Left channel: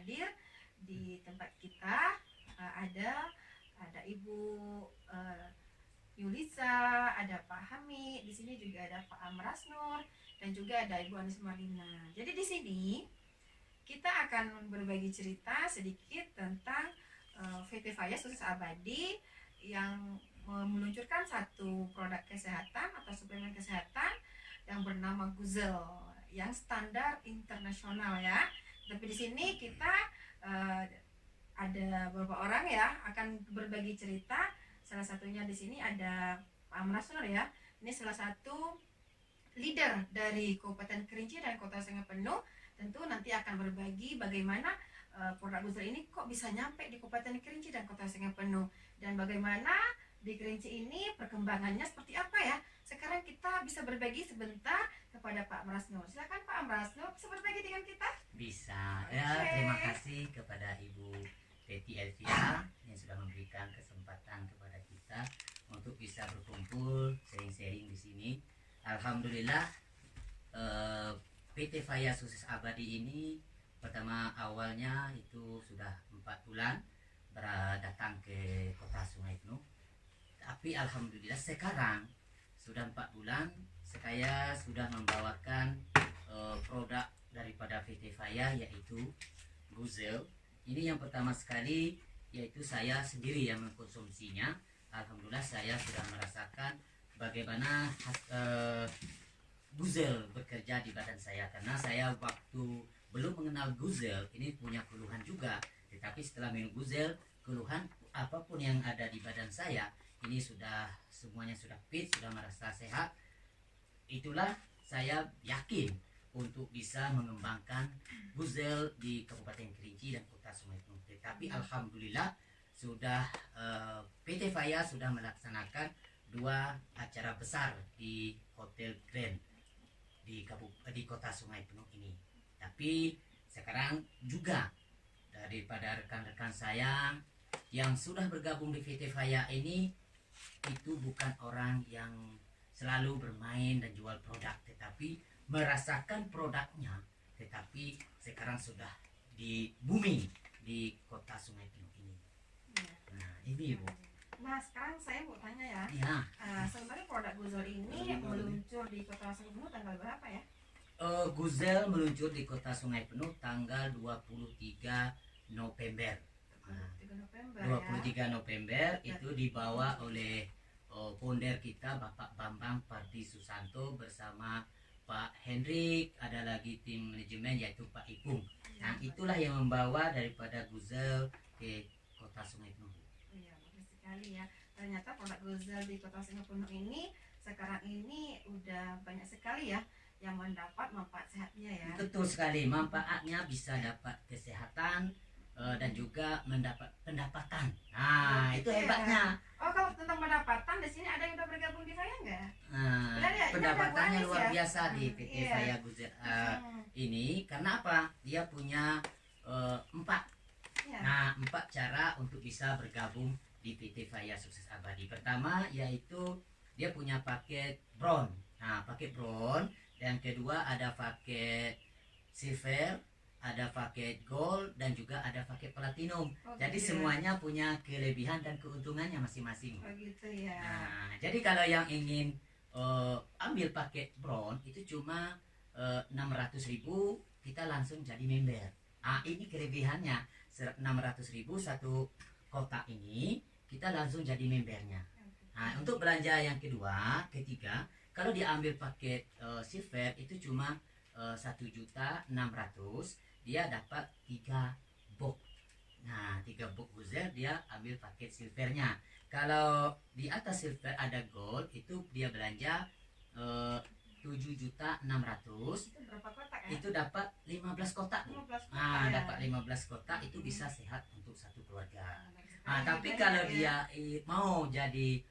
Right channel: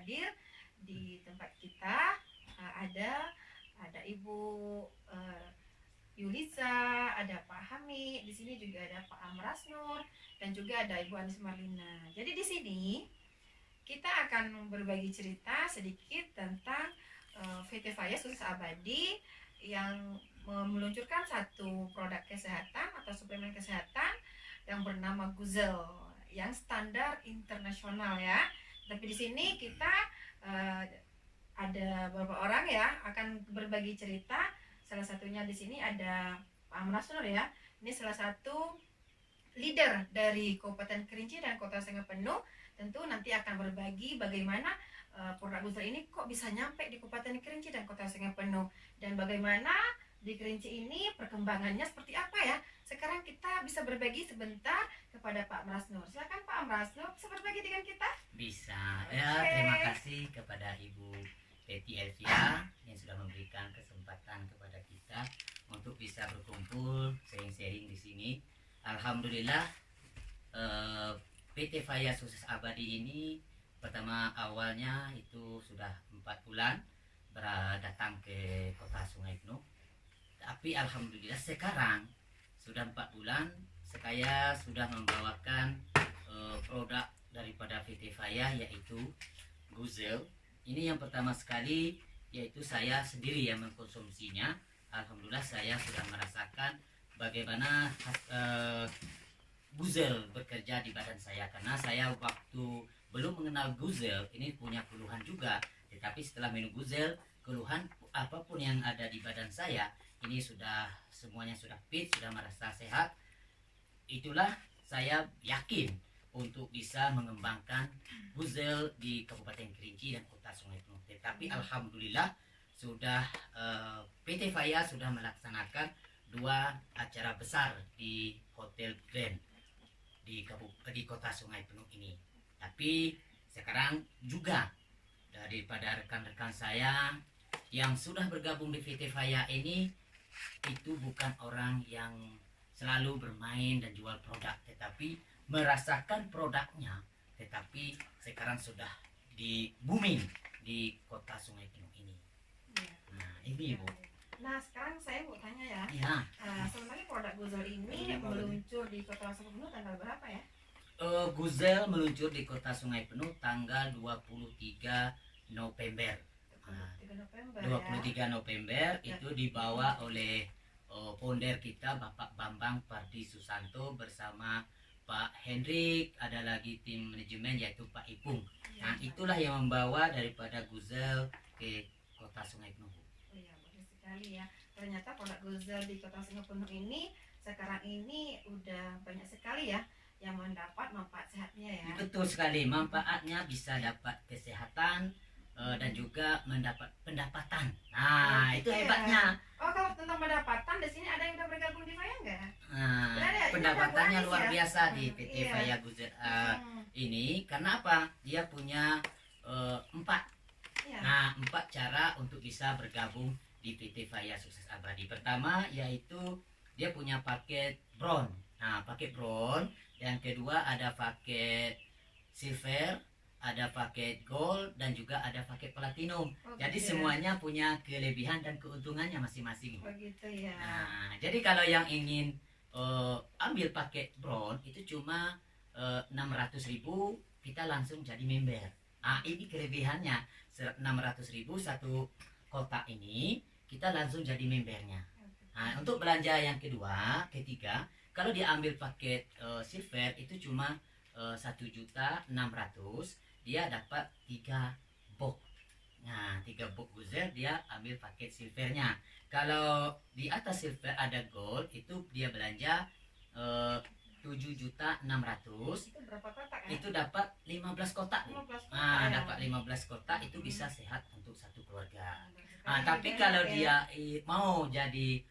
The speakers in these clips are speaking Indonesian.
hadir di tempat kita. Ada Ibu Yulisa, ada Pak Hamid, di sini juga ada Pak Amras Nur, dan juga ada Ibu Anis Marlina. Jadi di sini kita akan berbagi cerita sedikit tentang PT Faya Sukses Abadi yang meluncurkan satu produk kesehatan atau suplemen kesehatan yang bernama Guzel yang standar internasional ya. Tapi di sini kita ada beberapa orang ya akan berbagi cerita. Salah satunya di sini ada Pak Amras Nur ya. Ini salah satu leader dari Kabupaten Kerinci dan Kota Sungai Penuh. Tentu nanti akan berbagi bagaimana produk Guzel ini kok bisa nyampe di Kabupaten Kerinci dan Kota Sungai Penuh, dan bagaimana di Kerinci ini perkembangannya seperti apa ya. Sekarang kita bisa berbagi sebentar kepada Pak Amras Nur. Silakan Pak Amras Nur, bisa berbagi dengan kita? Bisa. Ya, terima kasih kepada Ibu Teti Elvia yang sudah memberikan kesempatan kepada kita untuk bisa berkumpul sharing-sharing di sini. Alhamdulillah, PT Faya Sukses Abadi ini pertama awalnya itu sudah 4 bulan datang ke Kota Sungai Penuh. Tapi alhamdulillah sekarang sudah 4 bulan saya sudah membawakan produk daripada PT Faya, yaitu Guzel. Ini yang pertama sekali, yaitu saya sendiri yang mengkonsumsinya. Alhamdulillah saya sudah merasakan bagaimana Guzel bekerja di badan saya, karena saya waktu belum mengenal Guzel ini punya keluhan juga. Tetapi setelah minum Guzel, keluhan apapun yang ada di badan saya ini sudah semuanya sudah fit, sudah merasa sehat. Itulah saya yakin untuk bisa mengembangkan Guzel di Kabupaten Kerinci dan Kota Sungai Penuh. Tetapi alhamdulillah sudah PT Faya sudah melaksanakan 2 acara besar di Hotel Grand di Kota Sungai Penuh ini. Tapi sekarang juga daripada rekan-rekan saya yang sudah bergabung di PT Faya ini itu bukan orang yang selalu bermain dan jual produk, tetapi merasakan produknya, tetapi sekarang sudah di booming di Kota Sungai Penuh ini. Ya. Nah, ini Bu. Nah, sekarang saya mau tanya ya. Ya. Sebenarnya produk Guzel ini meluncur di Kota Sungai Penuh tanggal berapa ya? Guzel meluncur di Kota Sungai Penuh tanggal 23 November. 23 November itu dibawa oleh founder kita Bapak Bambang Pardi Susanto bersama Pak Hendrik, ada lagi tim manajemen yaitu Pak Ipung. Nah, itulah yang membawa daripada Guzel ke Kota Sungai Penuh. Iya, bagus sekali ya. Ternyata produk Guzel di Kota Sungai Penuh ini sekarang ini udah banyak sekali ya yang mendapat manfaat sehatnya ya. Betul sekali, manfaatnya bisa dapat kesehatan dan juga mendapat pendapatan. Nah, itu hebatnya. Oh, kalau tentang pendapatan di sini ada yang udah bergabung di Faya enggak? Nah, pendapatannya luar biasa di PT Faya Guzel ini. Karena apa? Dia punya 4. Nah, 4 cara untuk bisa bergabung di PT Faya Sukses Abadi. Pertama yaitu dia punya paket Brown. Nah, paket Brown. Yang kedua ada paket Silver, ada paket Gold, dan juga ada paket Platinum. Jadi semuanya punya kelebihan dan keuntungannya masing-masing. Begitu ya. Nah, jadi kalau yang ingin ambil paket Brown itu cuma 600.000, kita langsung jadi member. Ah, ini kelebihannya, 600.000 satu kotak ini kita langsung jadi membernya. Nah, untuk belanja yang ketiga, kalau dia ambil paket Silver itu cuma 1.600.000, dia dapat 3 box. Nah, 3 box Guzel dia ambil paket Silvernya. Kalau di atas Silver ada Gold, itu dia belanja 7.600.000. Itu berapa kotak ya? Itu dapat 15 kotak. 15 kotak. Nah, ya. dapat 15 kotak itu bisa sehat untuk satu keluarga. Nah, Tapi kalau dia mau jadi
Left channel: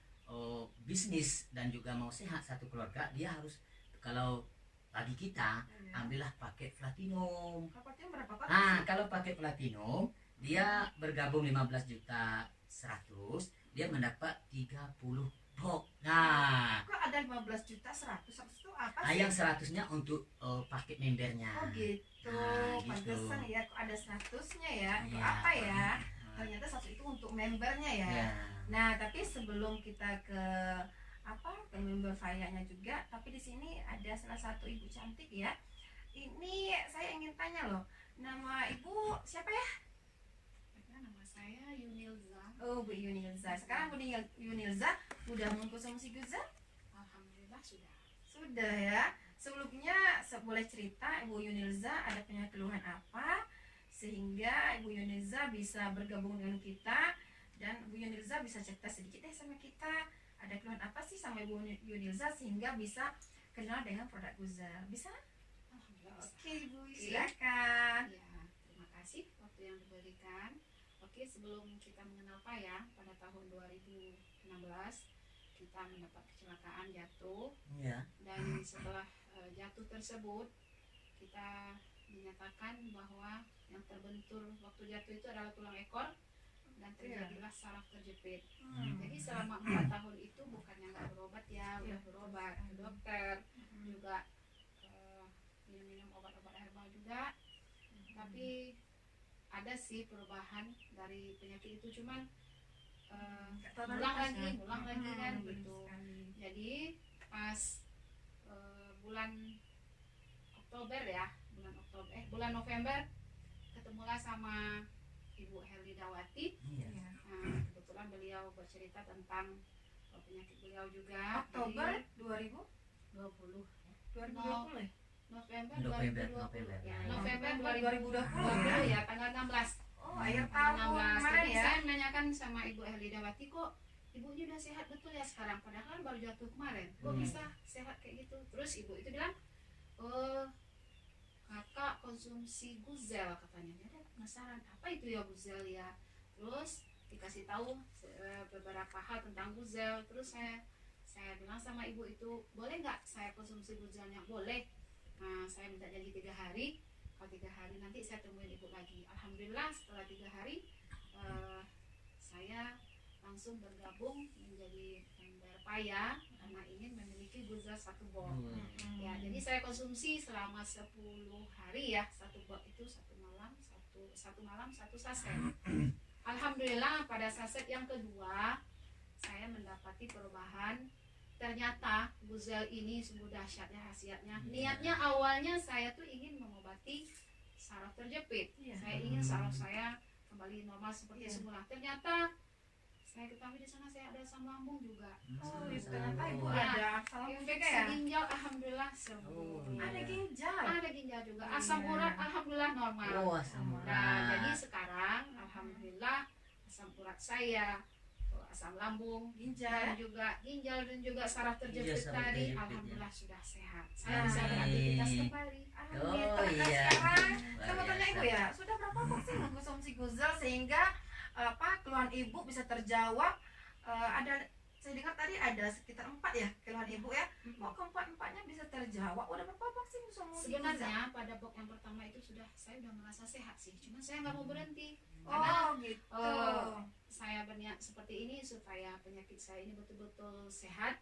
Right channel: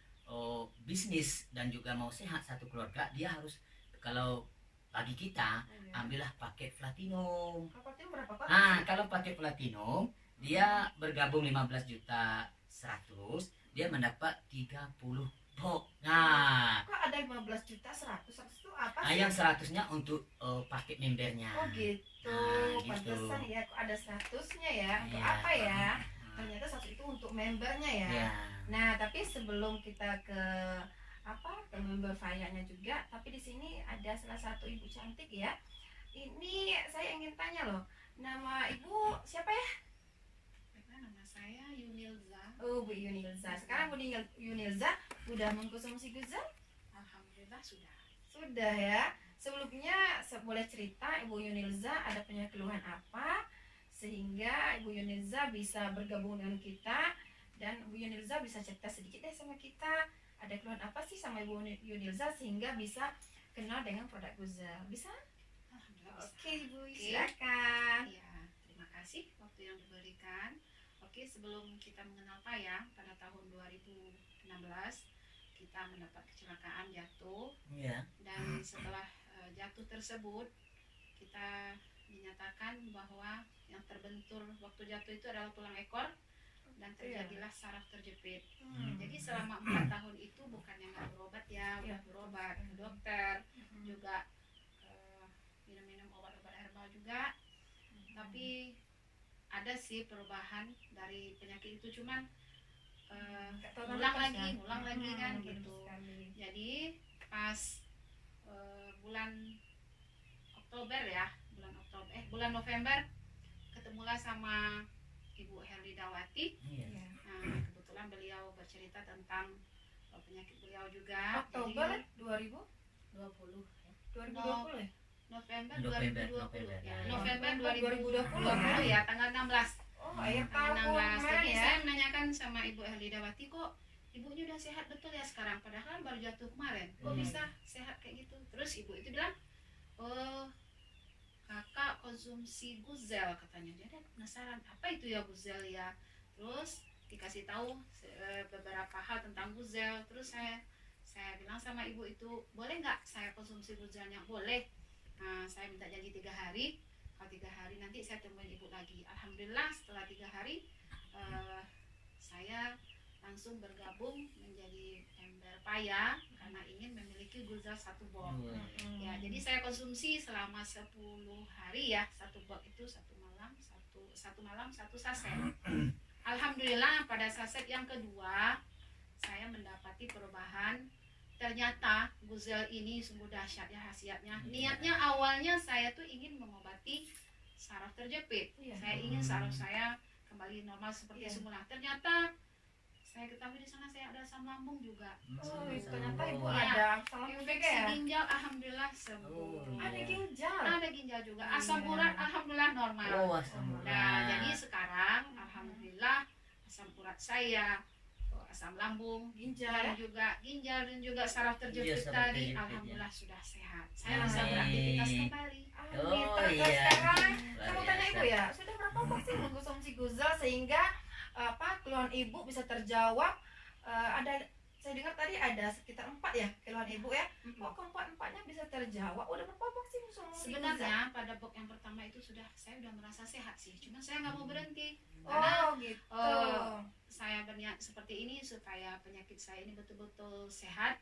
bisnis dan juga mau sehat satu keluarga, dia harus, kalau bagi kita, ambillah paket Platinum. Paketnya berapa kotak? Nah, kalau paket Platinum dia bergabung 15.100.000, dia mendapat 30 Depok. Nah, Kok ada 15 juta 100 itu apa sih? yang 100-nya untuk paket membernya. Oh gitu. Nah, gitu. Pantesan ya kok ada 100-nya ya. Untuk Iya, apa ya? Nah, Ternyata 100 itu untuk membernya ya. ya. Nah, tapi sebelum kita ke ke member file-nya juga, tapi di sini ada salah satu ibu cantik ya. Ini saya ingin tanya loh, nama ibu siapa ya? Nama saya Yunilza. Oh, Bu Yunilza. Sekarang Bu Yunilza udah mengkonsumsi Guzel? Alhamdulillah sudah. Sudah ya. Sebelumnya boleh cerita Ibu Yunilza ada punya keluhan apa sehingga Ibu Yunilza bisa bergabung dengan kita, dan Ibu Yunilza bisa cerita sedikit deh sama kita ada keluhan apa sih sama Ibu Yunilza sehingga bisa kenal dengan produk Guzel. Bisa? Alhamdulillah bisa. Oke, Ibu, silakan. Ya, terima kasih waktu yang diberikan. Oke, sebelum kita mengenal payah pada tahun 2016 kita mendapat kecelakaan jatuh, Iya. dan setelah jatuh tersebut kita dinyatakan bahwa yang terbentur waktu jatuh itu adalah tulang ekor dan terjadilah saraf terjepit. Jadi selama 4 tahun itu bukannya nggak berobat ya, udah berobat ke dokter, juga minum-minum obat-obat herbal juga, tapi ada sih perubahan dari penyakit itu, cuman ulang lagi kan gitu. Jadi pas bulan Oktober ya, bulan November ketemulah sama Ibu Herlidawati. Iya. Nah, kebetulan beliau bercerita tentang penyakit beliau juga. Oktober Jadi, 2020 ya. 2020 ya? November November, 2020 ya. ya. November November 2020 ya, tanggal 16. Oh, akhir Tanggal tahun 16. kemarin Jadi ya. saya menanyakan sama Ibu Herlidawati, kok ibunya udah sehat betul ya sekarang, padahal baru jatuh kemarin, kok bisa sehat kayak gitu? Terus ibu itu bilang, oh kakak konsumsi Guzel, katanya. Dia ada penasaran apa itu ya Guzel ya, terus dikasih tahu beberapa hal tentang Guzel. Terus saya bilang sama ibu itu, boleh nggak saya konsumsi Guzelnya? Boleh. Nah, saya minta janji 3 hari, kalau 3 hari nanti saya temuin ibu lagi. Alhamdulillah setelah 3 hari saya langsung bergabung menjadi member Paya karena ingin memiliki Guzel 1 box. Ya, jadi saya konsumsi selama 10 hari ya, 1 box itu 1 malam 1 saset. Alhamdulillah pada saset yang kedua saya mendapati perubahan. Ternyata Guzel ini sungguh dahsyat ya khasiatnya. Niatnya awalnya saya tuh ingin mengobati saraf terjepit. Saya ingin saraf saya kembali normal seperti semula. Ternyata saya ketahui di sana saya ada asam lambung juga. Oh, ternyata ibu Ya, ada asam lambung juga infeksi ya? ginjal alhamdulillah sembuh. Ada ginjal. Ada ginjal juga. Asam urat alhamdulillah normal. Oh, asam Nah, urat. jadi sekarang alhamdulillah asam urat saya, asam lambung, Ginjal. ginjal dan juga saraf terjepit saraf tadi terjepit, alhamdulillah sudah sehat. Saya Amin. bisa beraktivitas kembali. Amin. Oh, Ternyata iya. sekarang Luar saya mau tanya biasa. ibu ya, sudah berapa vaksin mengkonsumsi Guzel sehingga keluhan ibu bisa terjawab? Ada, saya dengar tadi ada sekitar 4 ya keluhan ibu ya. Oh, keempat-empatnya bisa terjawab. Udah berapa vaksin mengkonsumsi Guzel? Sebenarnya pada box yang pertama itu saya udah merasa sehat sih, cuma saya nggak mau berhenti karena Oh, gitu. saya berniat seperti ini supaya penyakit saya ini betul-betul sehat.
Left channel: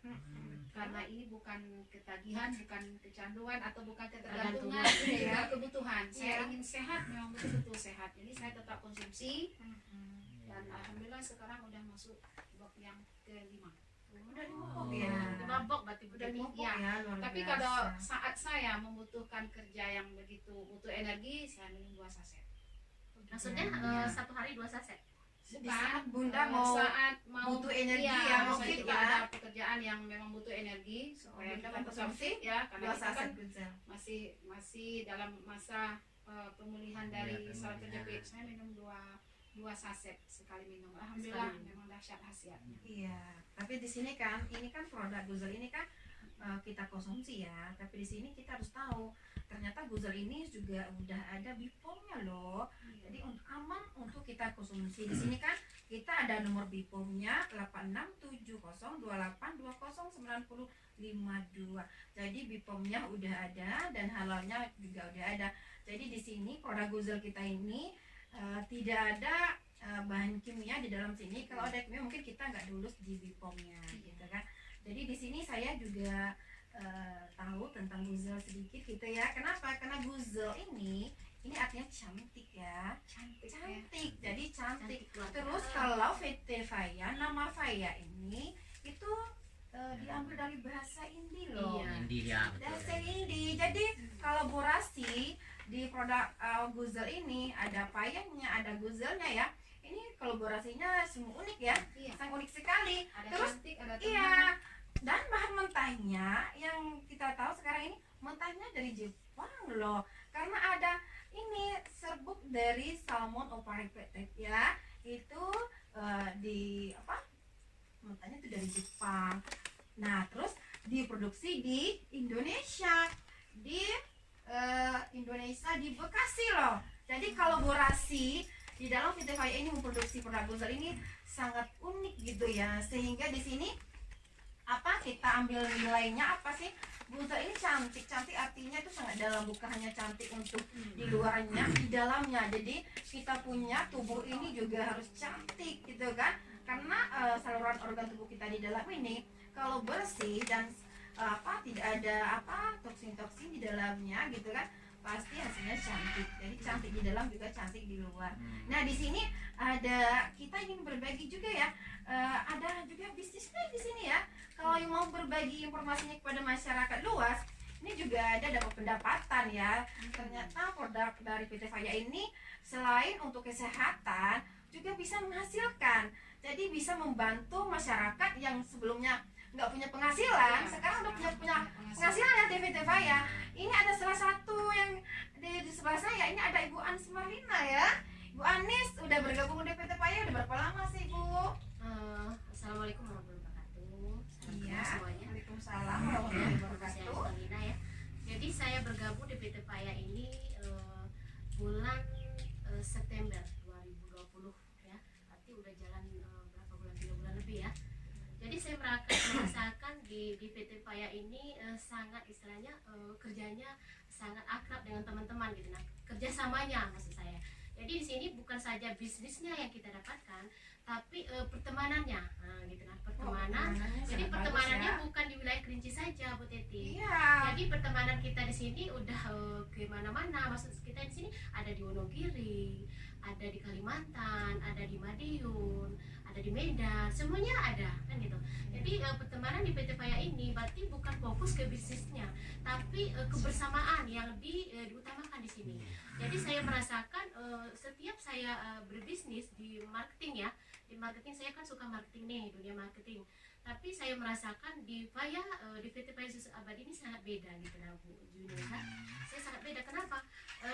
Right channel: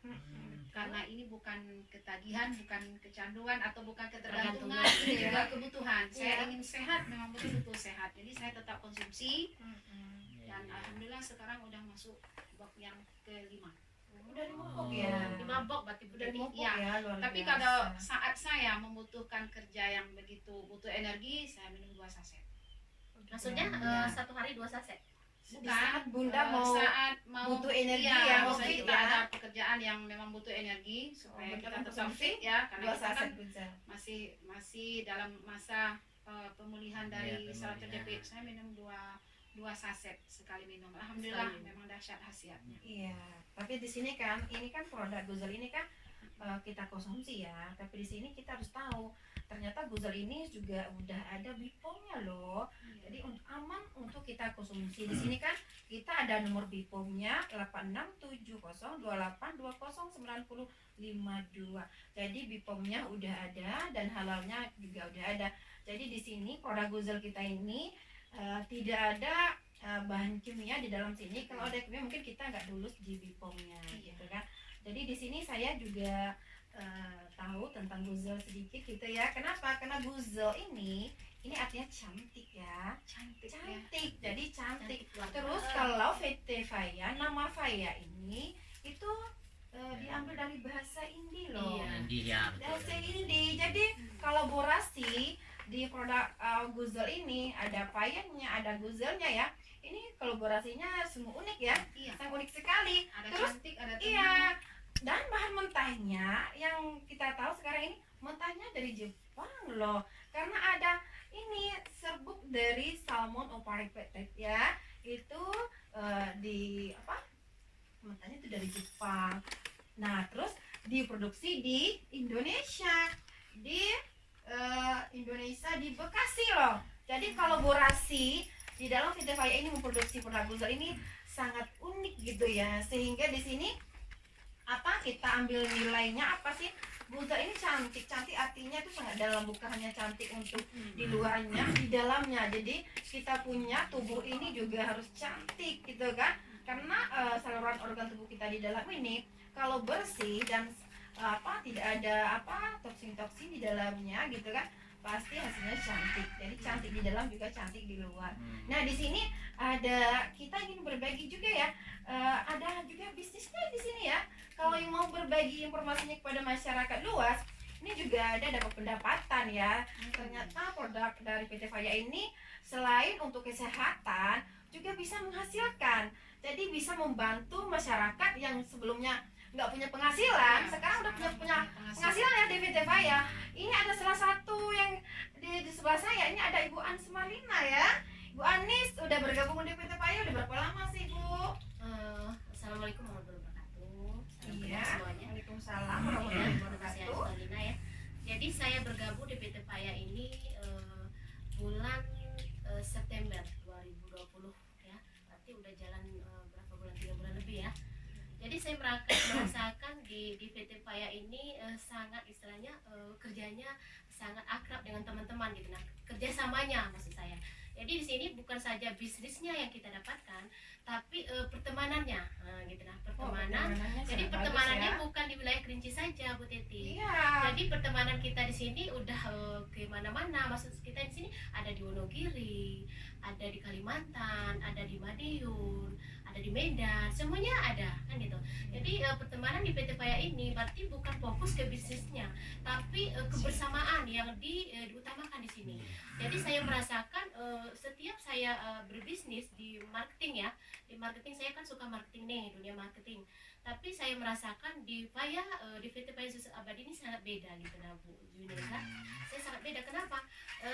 Karena ini bukan ketagihan, bukan kecanduan atau bukan ketergantungan, ini juga kebutuhan. Saya ingin sehat, memang betul-betul sehat. Jadi saya tetap konsumsi dan alhamdulillah sekarang udah masuk box yang ke-5. Udah dimupuk ya. 5 box berarti Udah dimupuk ya. ya, luar Tapi biasa. kalau saat saya membutuhkan kerja yang begitu butuh energi, saya minum 2 saset. Maksudnya Ya. 1 hari 2 saset. Di saat Bunda eh, mau saat mau butuh energi iya, ya, misalnya mungkin kita ya. ada pekerjaan yang memang butuh energi supaya Bunda kita tetap konsumsi fit ya, karena 2 kita kan saset Guzel. masih dalam masa pemulihan dari Iya, saraf pemulihan. terjepit. Saya minum 2 saset sekali minum. Alhamdulillah Sekali. memang dahsyat khasiatnya. Iya, tapi di sini kan ini kan produk Guzel ini kan kita konsumsi ya, tapi di sini kita harus tahu ternyata Guzel ini juga udah ada BPOM-nya loh. Jadi untuk aman untuk kita konsumsi. Di sini kan kita ada nomor BPOM-nya 867128209052. Jadi BPOM-nya udah ada dan halalnya juga udah ada. Jadi di sini produk Guzel kita ini tidak ada bahan kimia di dalam sini. Kalau ada kimia mungkin kita nggak lulus di BPOM-nya gitu kan. Jadi di sini saya juga tahu tentang Guzel sedikit gitu ya. Kenapa? Karena Guzel ini artinya cantik ya. Cantik ya. Cantik. Jadi cantik. Cantik Terus kalau VT Faya, nama Faya ini itu diambil dari bahasa Hindi loh. Iya. India Bahasa betul. Hindi. Jadi kolaborasi di produk Guzel ini ada Fayanya, ada Guzelnya ya. Ini kolaborasinya semua unik ya. Iya. Sangat unik sekali. Ada Terus cantik, ada teman. iya. Dan bahan mentahnya yang kita tahu sekarang ini mentahnya dari Jepang loh. Karena ada ini serbuk dari salmon oparipetet ya. Itu di apa? Mentahnya itu dari Jepang. Nah, terus diproduksi di Indonesia. Di Indonesia di Bekasi loh. Jadi kolaborasi di dalam VT Faya ini memproduksi produk Guzel ini sangat unik gitu ya. Sehingga di sini apa kita ambil nilainya apa sih? Guzel ini cantik. Cantik artinya itu sangat dalam, bukan hanya cantik untuk di luarnya, di dalamnya. Jadi kita punya tubuh ini juga harus cantik gitu kan. Karena saluran organ tubuh kita di dalam ini kalau bersih dan tidak ada toksin-toksin di dalamnya gitu kan, pasti hasilnya cantik. Jadi cantik di dalam juga cantik di luar. Nah, di sini ada kita ingin berbagi juga ya. Ada juga bisnisnya di sini ya. Kalau yang mau berbagi informasinya kepada masyarakat luas, ini juga ada dapat pendapatan ya. Ternyata produk dari PT Faya ini selain untuk kesehatan juga bisa menghasilkan. Jadi bisa membantu masyarakat yang sebelumnya nggak punya penghasilan, sekarang udah punya penghasilan ya di PT Faya. Ini ada salah satu yang di sebelah saya, ini ada Ibu Anis Marlina ya. Bu Anis udah bergabung di PT Faya udah berapa lama sih Bu? Assalamualaikum warahmatullahi wabarakatuh. Salam Iya. kenal semuanya. Waalaikumsalam Ya, warahmatullahi nama saya wabarakatuh. Angelina ya. Jadi saya bergabung di PT Faya ini bulan September 2020 ya. Berarti udah jalan berapa bulan? 3 bulan lebih ya. Jadi saya merasakan di PT Faya ini sangat istilahnya kerjanya sangat akrab dengan teman-teman gitu. Nah, kerjasamanya maksud saya. Jadi di sini bukan saja bisnisnya yang kita dapatkan, tapi pertemanannya, nah, gitu nah pertemanan. Jadi pertemanannya bukan di wilayah Kerinci saja, Bu Teti. Iya. Jadi pertemanan kita di sini udah ke mana-mana. Maksud kita di sini ada di Wonogiri, ada di Kalimantan, ada di Madiun, ada di Medan, semuanya ada kan gitu. Jadi pertemanan di PT Faya ini berarti bukan fokus ke bisnisnya, tapi kebersamaan yang diutamakan di sini. Jadi saya merasakan setiap saya berbisnis di marketing ya, di marketing saya kan suka marketing nih, dunia marketing. Tapi saya merasakan di Faya, di PT Faya Susu Abadi ini sangat beda gitu nah Bu Junisa. Saya sangat beda. Kenapa?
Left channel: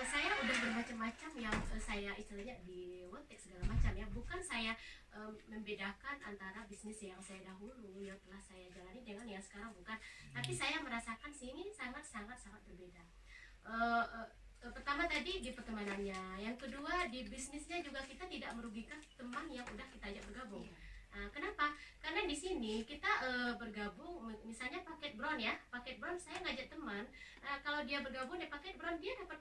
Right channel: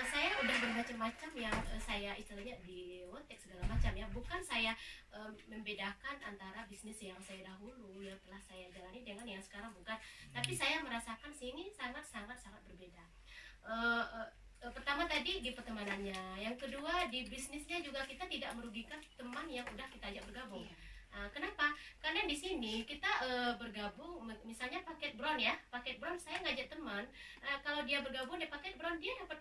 Saya udah bermacam-macam yang saya istilahnya di Wotek segala macam ya. Bukan saya membedakan antara bisnis yang saya dahulu yang telah saya jalani dengan yang sekarang, bukan. Tapi saya merasakan sini sangat berbeda. Pertama tadi di pertemanannya, yang kedua di bisnisnya juga kita tidak merugikan teman yang udah kita ajak bergabung. Kenapa? Karena di sini kita bergabung, misalnya paket Brown ya, paket Brown saya ngajak teman, kalau dia bergabung di paket Brown dia dapat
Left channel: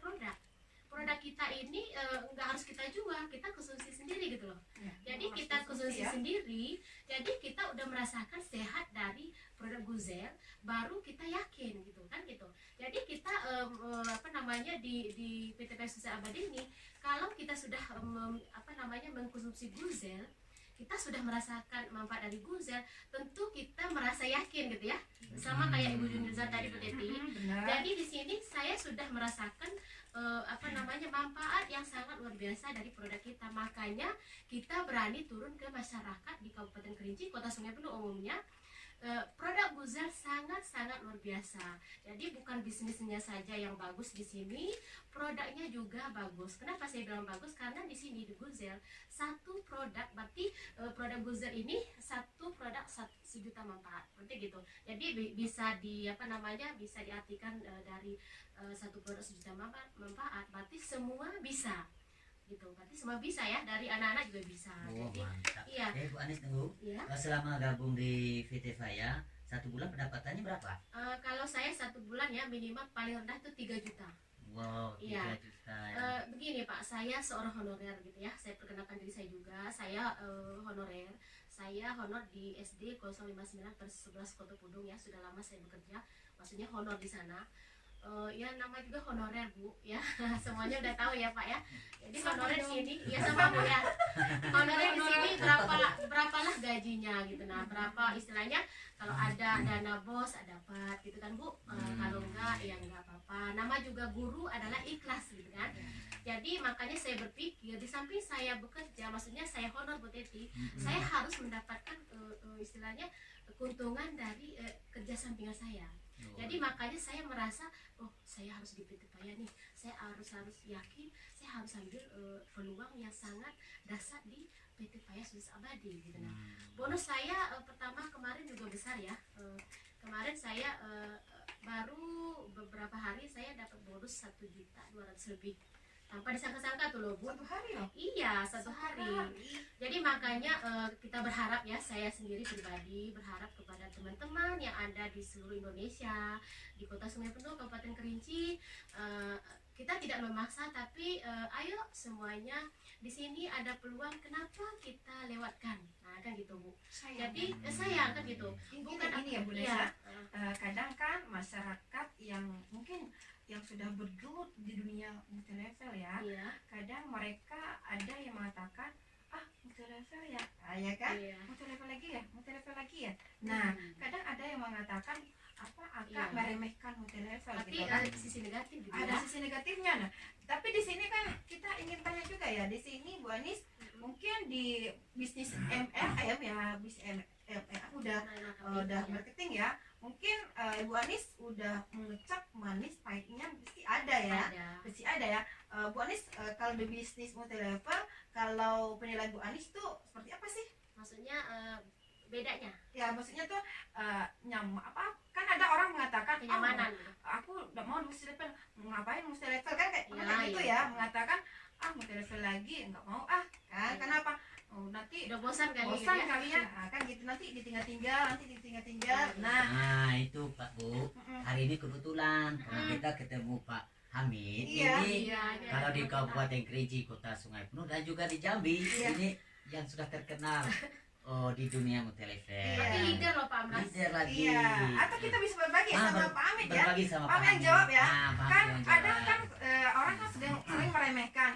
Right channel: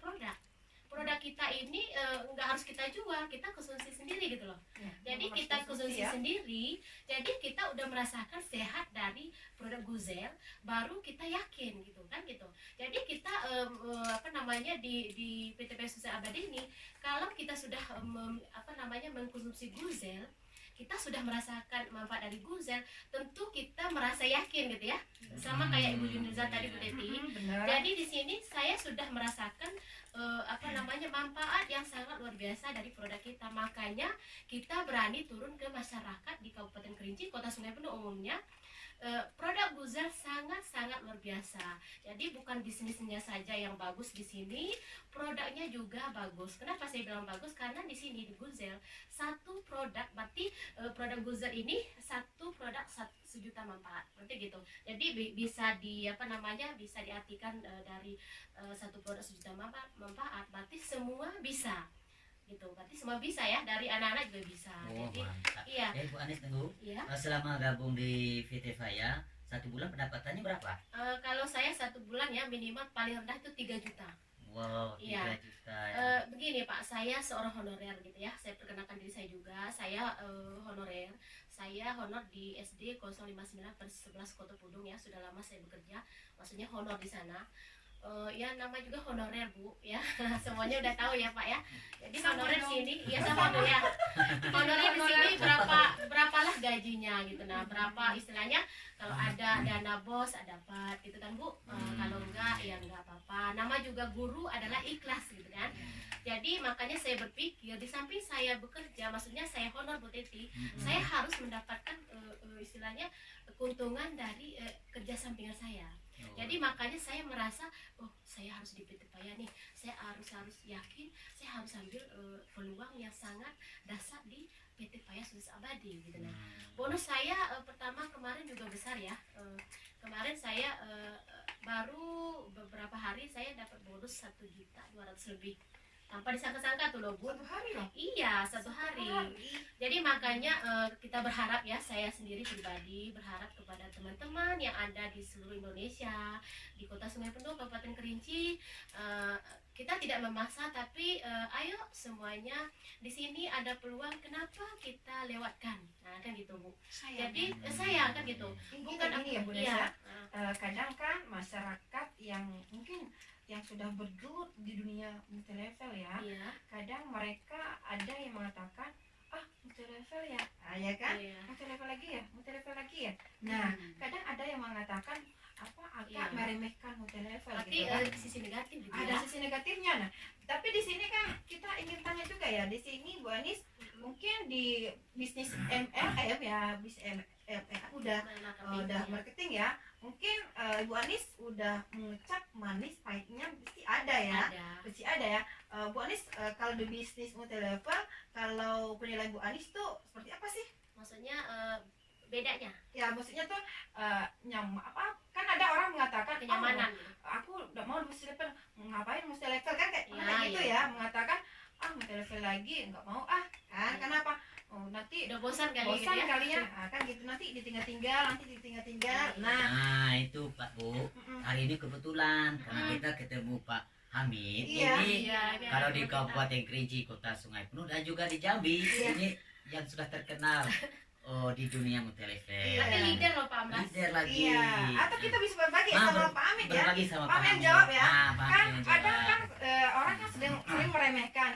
produk kita ini nggak harus kita jual, kita konsumsi sendiri gitu loh. Jadi kita konsumsi sendiri, jadi kita udah merasakan sehat dari produk Guzel, baru kita yakin gitu kan gitu. Jadi kita di PT Faya Susu Abadi ini, kalau kita sudah mengkonsumsi Guzel, kita sudah merasakan manfaat dari Guzel, tentu kita merasa yakin gitu ya. Sama kayak Ibu Junisa tadi Bu Teti. Jadi di sini saya sudah merasakan manfaat yang sangat luar biasa dari produk kita. Makanya kita berani turun ke masyarakat di Kabupaten Kerinci, Kota Sungai Penuh umumnya. Produk Guzel sangat luar biasa. Jadi bukan bisnisnya saja yang bagus di sini, produknya juga bagus. Kenapa saya bilang bagus? Karena di sini di Guzel satu produk, berarti produk Guzel ini satu produk 1 juta manfaat, berarti gitu. Jadi bisa bisa diartikan dari satu produk 1 juta manfaat, berarti semua bisa. Gitu, berarti semua bisa ya, dari anak-anak juga bisa. Jadi mantap. iya. Bu Anis tunggu. Iya. Selama gabung di VT Faya, 1 bulan pendapatannya berapa? Kalau saya 1 bulan ya minimal paling rendah itu 3 juta. Wow, Iya. 3 juta ya. Begini Pak, saya seorang honorer gitu ya. Saya perkenalkan diri saya juga. Saya honorer. Saya honor di SD 059 per 11 Kota Pudung ya. Sudah lama saya bekerja. Maksudnya honor di sana. Ya nama juga honorer Bu ya. Semuanya udah tahu ya Pak ya. Jadi Sama honorer dong. sini ya sama Bu ya. Honorer di sini berapalah gajinya gitu. Nah, berapa istilahnya kalau ada dana bos ada dapat gitu kan Bu. Kalau enggak ya enggak apa-apa. Nama juga guru adalah ikhlas gitu kan. Jadi makanya saya berpikir di samping saya bekerja, maksudnya saya honor Bu Teti, saya harus mendapatkan istilahnya keuntungan dari kerja sampingan saya. Jadi makanya saya merasa, oh saya harus di PT Paya nih, saya harus yakin, saya harus ambil peluang yang sangat dasar di PT Paya Sudis Abadi gitu. Nah, bonus saya pertama kemarin juga besar ya. Kemarin saya baru beberapa hari saya dapat bonus 1.200.000 lebih. Tanpa disangka-sangka tuh loh Bu. 1 hari loh. Iya, 1 hari. Jadi makanya kita berharap ya, saya sendiri pribadi berharap kepada teman-teman yang ada di seluruh Indonesia, di Kota Sungai Penuh, Kabupaten Kerinci, kita tidak memaksa tapi ayo semuanya di sini ada peluang, kenapa kita lewatkan. Nah, kan gitu Bu. Jadi sayang kan gitu. Bukan ini ya Bu Iya. Nesa. Kadang kan masyarakat yang mungkin yang sudah bergelut di dunia multilevel ya, Iya. kadang mereka ada yang mengatakan multilevel ya, ya kan, Iya. multilevel lagi ya. Nah, kadang ada yang mengatakan agak Iya. meremehkan multilevel Tapi gitu kan. sisi negatif gitu Ada ya. sisi negatifnya. Nah, tapi di sini kan kita ingin tanya juga ya, di sini Bu Anis mungkin di bisnis MLM ya, bisnis MLM udah marketing ya. Mungkin Bu Anis udah mengecap manis pahitnya pasti ada ya. Pasti ada ya. Bu Anis kalau di bisnis multilevel, kalau penilaian Bu Anis tuh seperti apa sih? Maksudnya bedanya Ya maksudnya tuh kan ada orang mengatakan kenyamanan gitu. aku udah mau multilevel, ngapain multilevel kan kayak Ya, pernah gitu iya. ya, mengatakan multilevel lagi nggak mau kan Iya. kenapa? Nanti Udah bosan kali gitu bosan ya. kali ya, kan gitu, nanti ditinggal-tinggal. Iya. Nah, itu Pak Bu. Hari ini kebetulan karena kita ketemu Pak Hamid. Iya. Ini Iya, kalau di Kabupaten Kerinci, Kota Sungai Penuh, dan juga di Jambi, Iya. ini yang sudah terkenal di dunia multilevel. Iya. Tapi leader loh Pak Amras. Leader lagi. iya. Atau kita bisa berbagi sama Pak Amit ya. Berbagi sama Pak Pak yang Hamid. jawab ya. Pak Kan Hamid yang ada jawab. kan orang kan sering meremehkan.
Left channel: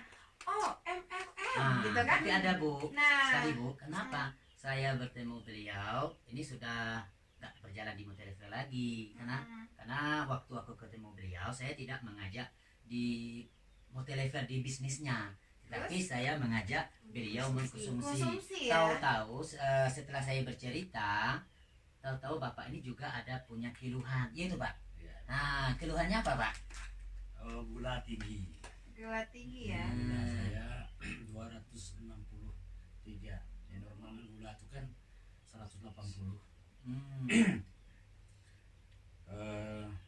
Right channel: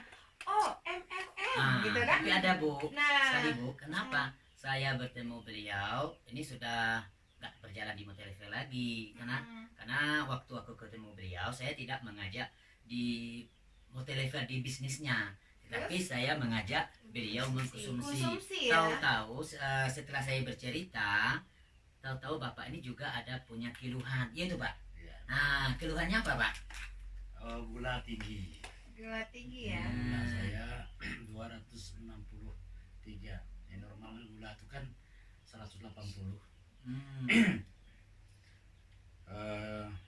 MLM gitu kan. Tapi ada Bu, Nah, sekali Bu, kenapa saya bertemu beliau ini sudah nggak berjalan di multilevel lagi, karena waktu aku ketemu beliau saya tidak mengajak di multilevel di bisnisnya, tetapi saya mengajak beliau mengkonsumsi. konsumsi ya. Tahu-tahu setelah saya bercerita, tahu-tahu Bapak ini juga ada punya keluhan, iya itu Pak. Iya. Nah, keluhannya apa Pak? Gula tinggi. Gula tinggi ya. Gula saya 263. Ya, normal gula itu kan 180.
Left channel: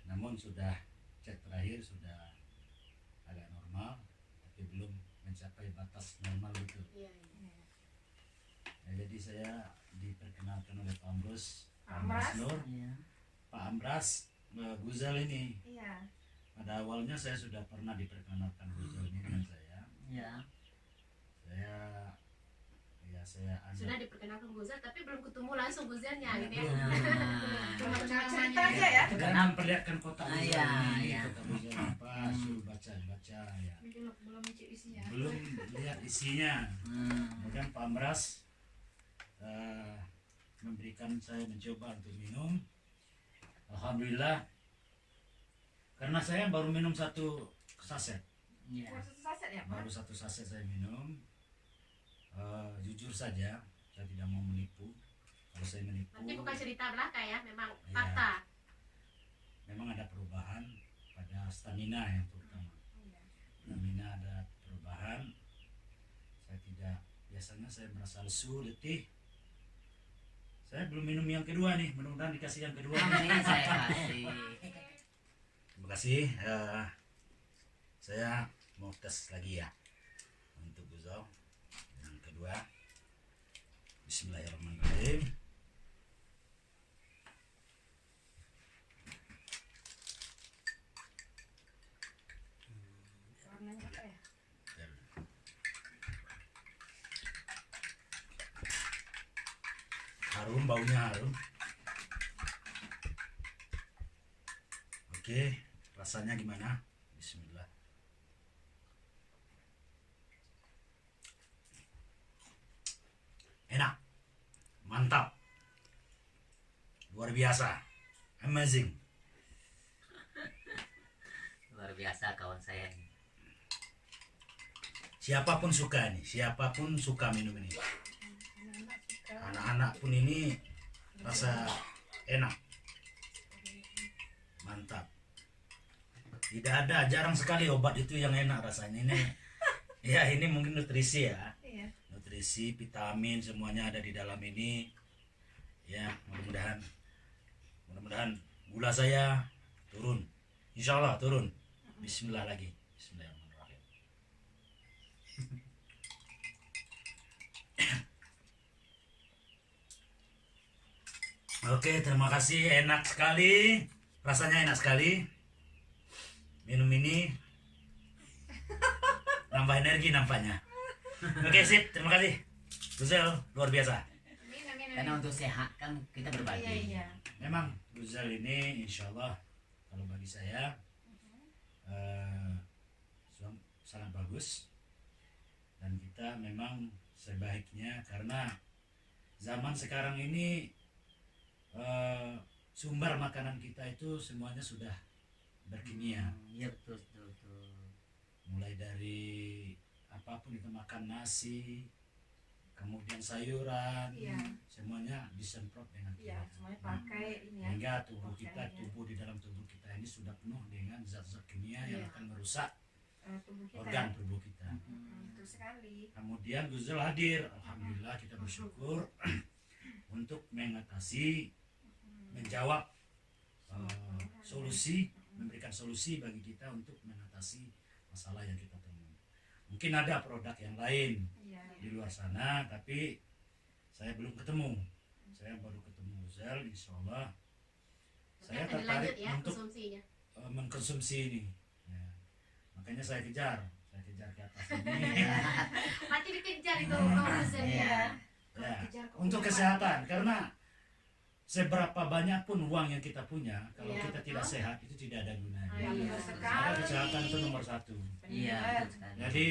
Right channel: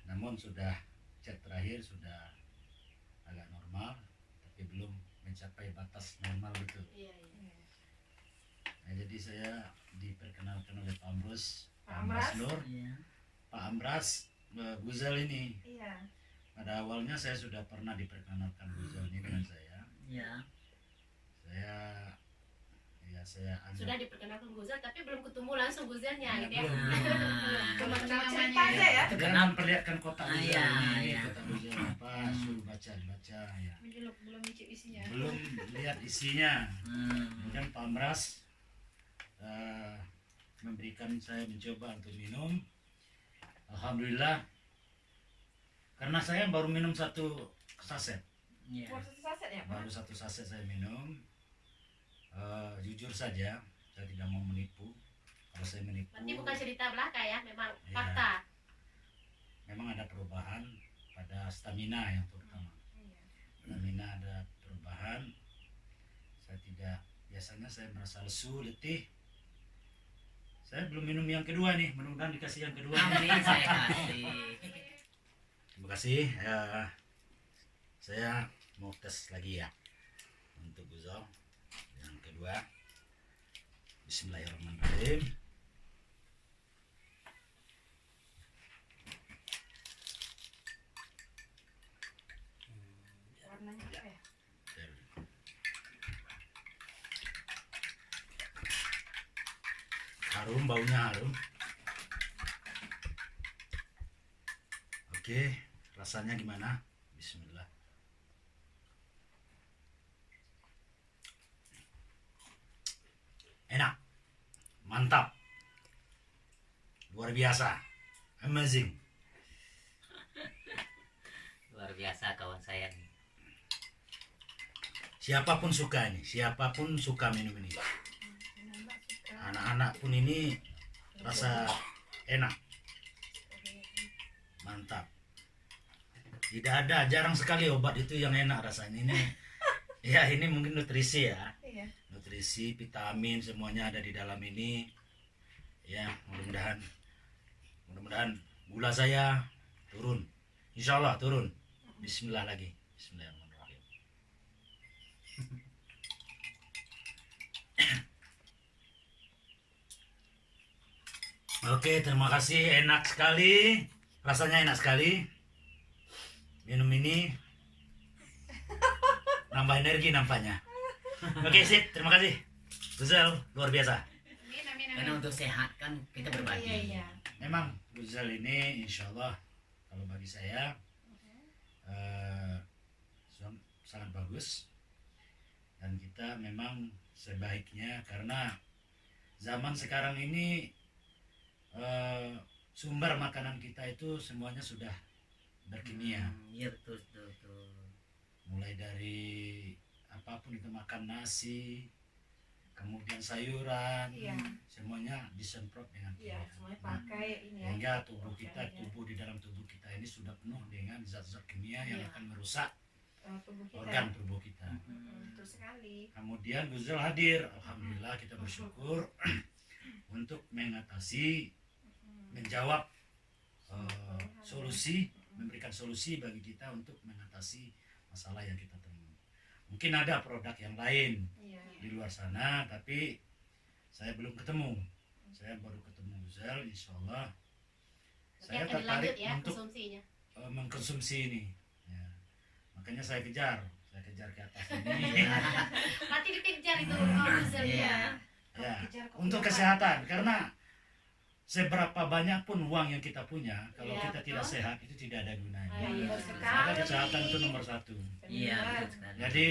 Namun sudah cek terakhir sudah agak normal, tapi belum mencapai batas normal betul. Iya, iya. Ya, jadi saya diperkenalkan oleh Pak Ambrus, Pak Amras. Nur, Iya. Pak Amras, Guzel ini. Iya. Pada awalnya saya sudah pernah diperkenalkan Guzel ini dengan saya. Iya. Saya anggap Sudah diperkenalkan Guzel tapi belum ketemu langsung Guzelnya Ya, gitu ya. Nah, Cuma cerita aja ya. itu dan kenapa? memperlihatkan kotak Guzel Iya, ini, iya. kotak Guzel apa, suruh baca ya. belum mencip isinya. Belum lihat isinya. Kemudian Pak Amras memberikan saya mencoba untuk minum. Alhamdulillah, karena saya baru minum 1 saset, Iya. Baru 1 saset ya, Pak? baru 1 saset saya minum. Jujur saja, saya tidak mau menipu. Kalau saya menipu, Berarti bukan cerita belaka ya, memang Iya. fakta. memang ada perubahan pada stamina yang terutama. Iya. Stamina ada perubahan. Biasanya saya merasa lesu, letih. Saya belum minum yang kedua nih, mudah-mudahan dikasih yang kedua. Amin, saya kasih. Terima kasih. Saya mau tes lagi ya untuk Guzel yang kedua. Bismillahirrahmanirrahim. harum, baunya harum. Oke, rasanya gimana? Bismillah. Enak, mantap, luar biasa, amazing. Luar biasa kawan saya nih. Siapapun suka ini, siapapun suka minum ini. Anak-anak pun ini rasa enak, mantap. Tidak ada, jarang sekali obat itu yang enak rasanya ini. Ya ini mungkin nutrisi ya, Iya. nutrisi, vitamin semuanya ada di dalam ini. Ya mudah-mudahan gula saya turun, insya Allah turun. Bismillah lagi, Bismillahirrahmanirrahim. Oke, terima kasih, enak sekali, rasanya enak sekali. Minum ini nambah energi nampaknya. Oke, sip, terima kasih. Guzel, luar biasa. Karena untuk sehat kan kita berbagi. Iya. Memang Guzel ini insya Allah kalau bagi saya eh, sangat bagus. Dan kita memang sebaiknya, karena zaman sekarang ini sumber makanan kita itu semuanya sudah berkimia. Iya betul, betul, betul. Mulai dari apapun kita makan, nasi, kemudian sayuran, Iya. semuanya disemprot dengan Iya, kimia. semuanya Nah, pakai ini ya. sehingga tubuh kita, Organik ya. tubuh di dalam tubuh kita ini sudah penuh dengan zat-zat kimia yang Iya. akan merusak Tubuh kita. organ Ya. tubuh kita. Betul sekali. Kemudian Guzel hadir, alhamdulillah kita bersyukur untuk mengatasi, menjawab solusi, memberikan solusi bagi kita untuk mengatasi masalah yang kita temui. Mungkin ada produk yang lain Iya. di luar sana, tapi saya belum ketemu. Saya baru ketemu Guzel, insya Allah saya Nanti akan dilanjut tertarik ya untuk konsumsinya. mengkonsumsi ini. Ya. Makanya saya kejar ke atas ini. Mati dikejar itu Guzel Iya. ya. Ya, Kejar kok untuk lupa. kesehatan, karena seberapa banyak pun uang yang kita punya, kalau Iya, kita tidak betul. sehat itu tidak ada gunanya. Iya, Betul betul. sekali. Karena kesehatan itu nomor satu. Iya Benar. betul sekali. Jadi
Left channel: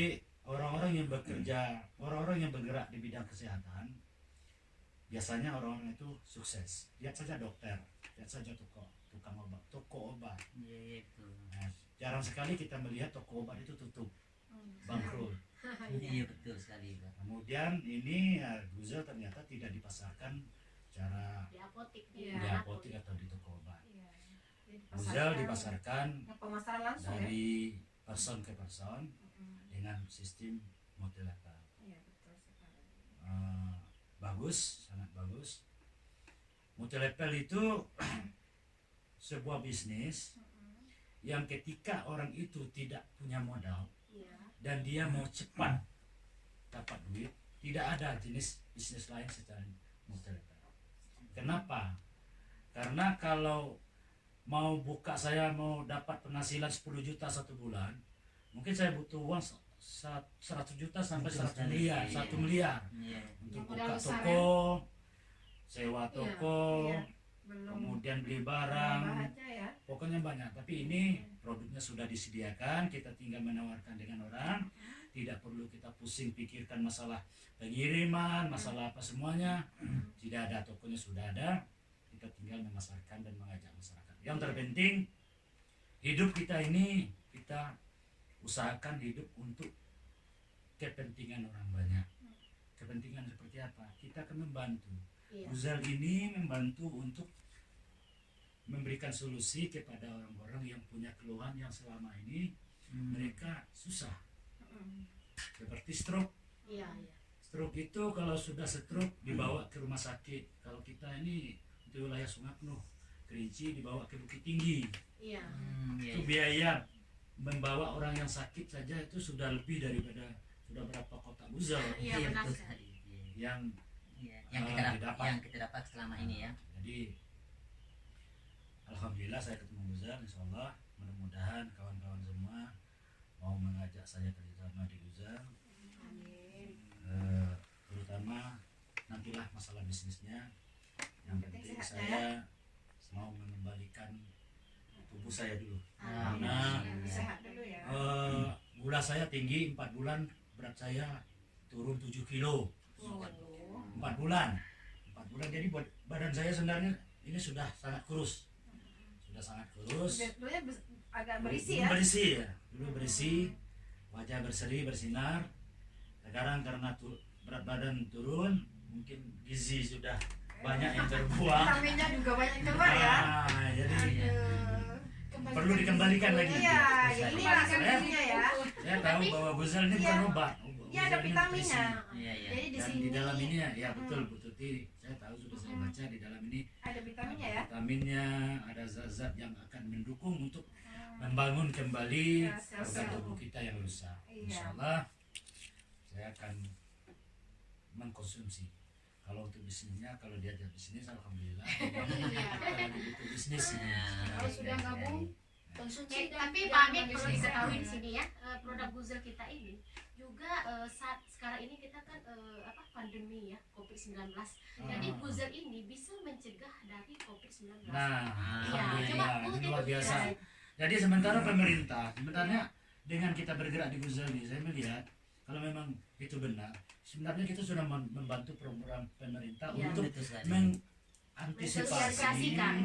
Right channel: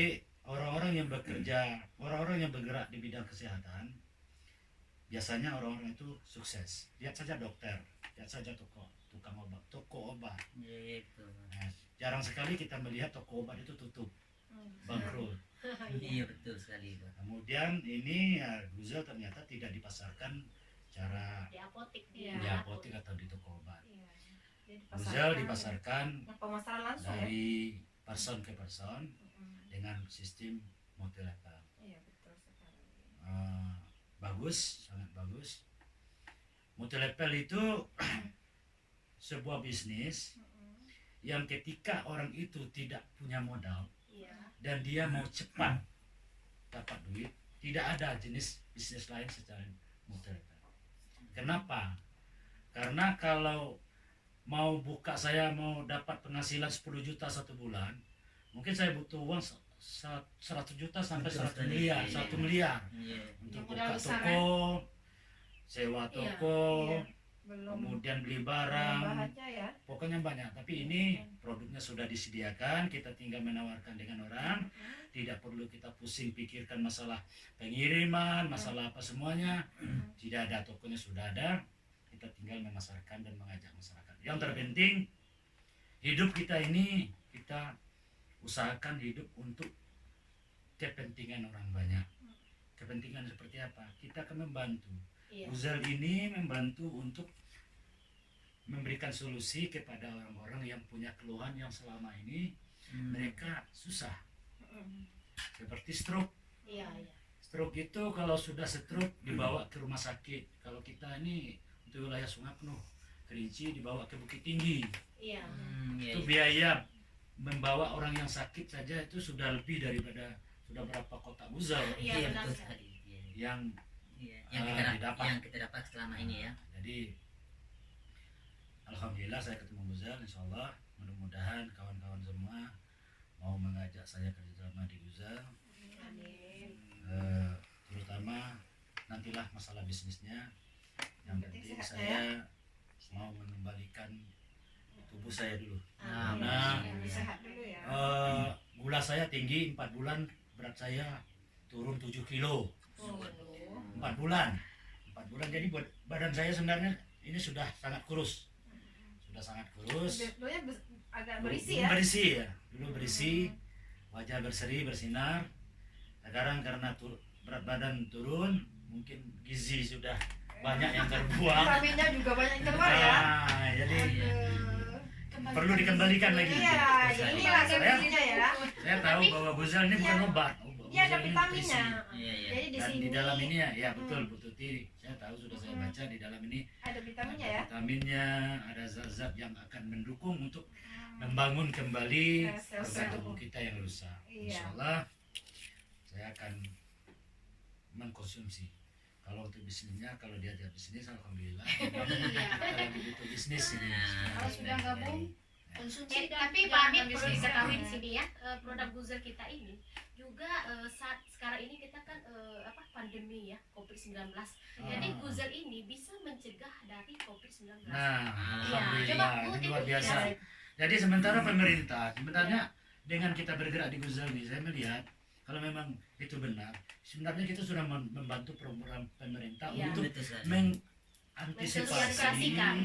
orang-orang yang bekerja, orang-orang yang bergerak di bidang kesehatan, biasanya orang-orang itu sukses. Lihat saja dokter, lihat saja tukang obat, toko obat. Iya, iya, betul. Nah, jarang sekali kita melihat toko obat itu tutup, bangkrut. Iya betul sekali Pak. Kemudian ini ya, Guzel ternyata tidak dipasarkan secara Di apotik Iya. di apotik atau di toko obat. Iya. Dia Guzel dipasarkan Yang pemasaran langsung ya. dari person ke person Mm-mm. dengan sistem multilevel. Iya, betul sekali. Bagus, sangat bagus. Multilevel itu sebuah bisnis Mm-mm. yang ketika orang itu tidak punya modal Iya. dan dia mau cepat dapat duit, tidak ada jenis bisnis lain secara multilevel. Kenapa? Karena kalau mau buka, saya mau dapat penghasilan 10 juta satu bulan, mungkin saya butuh uang 100 juta sampai Betul 1 sekali. miliar, Iya. 1 miliar Iya. untuk Modal buka besar, toko, sewa Iya. toko, Iya. Belum kemudian beli nambah barang, aja ya. pokoknya banyak. Tapi ini produknya sudah disediakan, kita tinggal menawarkan dengan orang, tidak perlu kita pusing pikirkan masalah pengiriman, masalah apa semuanya, tidak ada, tokonya sudah ada, kita tinggal memasarkan dan mengajak masyarakat. Yang terpenting hidup kita ini, kita usahakan hidup untuk kepentingan orang banyak. Kepentingan seperti apa? Kita akan membantu. Iya. Guzel ini membantu untuk memberikan solusi kepada orang-orang yang punya keluhan yang selama ini mereka susah, Mm-mm. seperti stroke. Iya, iya. Stroke itu kalau sudah stroke dibawa ke rumah sakit. Kalau kita ini untuk wilayah Sungai Penuh, Kerinci dibawa ke Bukit Tinggi. Iya. Iya, Itu biaya membawa orang yang sakit saja itu sudah lebih daripada sudah berapa kotak Guzel Iya, Iya benar betul sekali. sekali. Iya. yang Iya. Yang didapat. yang kita dapat selama ini ya. Jadi alhamdulillah saya ketemu Guzel, insya Allah mudah-mudahan kawan-kawan semua mau mengajak saya kerjasama di Guzel, Amin. terutama nantilah masalah bisnisnya Yang penting penting sehatnya ya. saya mau mengembalikan tubuh saya dulu. Amin. Nah, Lebih sehat dulu ya. Gula saya tinggi 4 bulan, berat saya turun 7 kilo. Waduh. 4 bulan. 4 bulan, jadi badan saya sebenarnya ini sudah sangat kurus. Sudah sangat kurus. Dulunya agak Dulu berisi ya. berisi ya. Dulu berisi, wajah berseri, bersinar. Sekarang karena berat badan turun, mungkin gizi sudah banyak yang terbuang. Vitaminnya juga banyak yang keluar ya. Nah, jadi Iya. perlu dikembalikan lagi. Iya, Saya- ini lah saya- gizinya ya. Saya tahu bahwa Guzel ini bukan Iya. obat. Iya, ada Guzel ini vitaminnya. nutrisi. Iya, iya. Jadi di Dan sini di dalam ini ya betul Bu Tuti, saya tahu sudah saya baca di dalam ini ada vitaminnya ada ya. vitaminnya, ada zat-zat yang akan mendukung untuk membangun kembali Ya, sel-sel organ tubuh tubuh. kita yang rusak. Iya. Insya Allah saya akan mengkonsumsi. Kalau untuk bisnisnya, kalau dia ada bisnis, alhamdulillah. Kalau butuh bisnis, ini. Nah, Kalau sudah dari- gabung, konsumsi dan Tapi jangan Pak Amit perlu bisnis. diketahui di sini ya, produk Guzel kita ini juga saat sekarang ini kita kan pandemi ya COVID-19. Jadi Ah. Guzel ini bisa mencegah dari COVID-19. Nah, Iya, alhamdulillah, coba ini Bu, luar Titi, biasa. ya. Jadi sementara pemerintah, sebenarnya dengan kita bergerak di Guzel ini, saya melihat kalau memang itu benar, sebenarnya kita sudah membantu program pemerintah Iya. untuk Betul sekali. mengantisipasi Mensosialisasikan.